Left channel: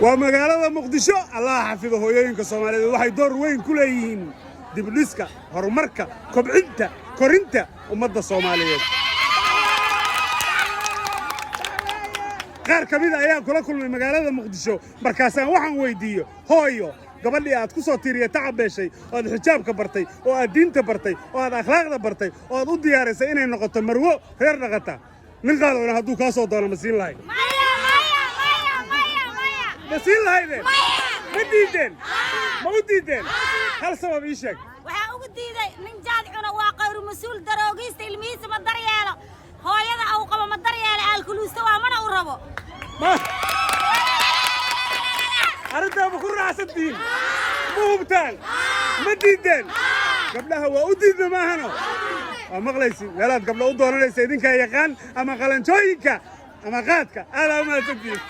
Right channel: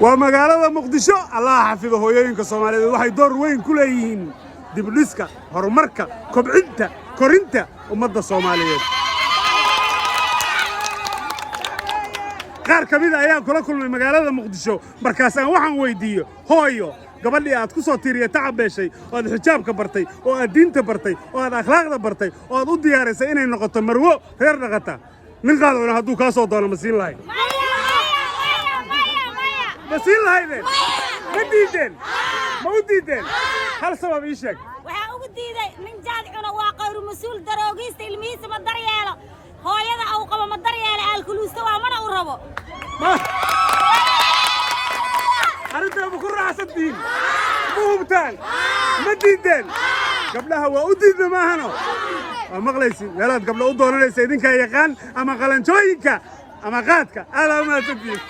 ومقالة مقدشو الله حفظه هويين كصومالي waxay door weyn ku leeyihiin dibdhiska horumarka kobcinta korinta ummadda Soomaaliyeed qaar kamid ayaa kula kulmay magaalada Muqdisho markaasaan waxaan weydiiyo hooyo gabadhii aad ku soo tiiriyay tacabeeshay oo aad xijaabka bartay oo aad diinta bartay oo aad akhlaaqda bartay oo aad u diyaarisay inay noqoto marwo reer dhaqata nin qaadona hadduu ka soo doono masiin lahayd masiin lahaydeen ma diideen ma u diideen hal sabab ii sheeg waxaa ugu diiday nin jaadicuna waa qayru mas-uul daroogista ilmihiisa ma daryeelo hooyada uu qabo ma daryeelo aalkuluusta waa mana u rabo arrintaa ma ku raacsantihiin ma hubtaan ma diideen gabdhaha waa u diidda maahano waa maqlaysi meelaad gabdha u doonanaysa idinkaa yaqaan ama qalanjooyinka ama qaadka aad aa u mahadsantihiin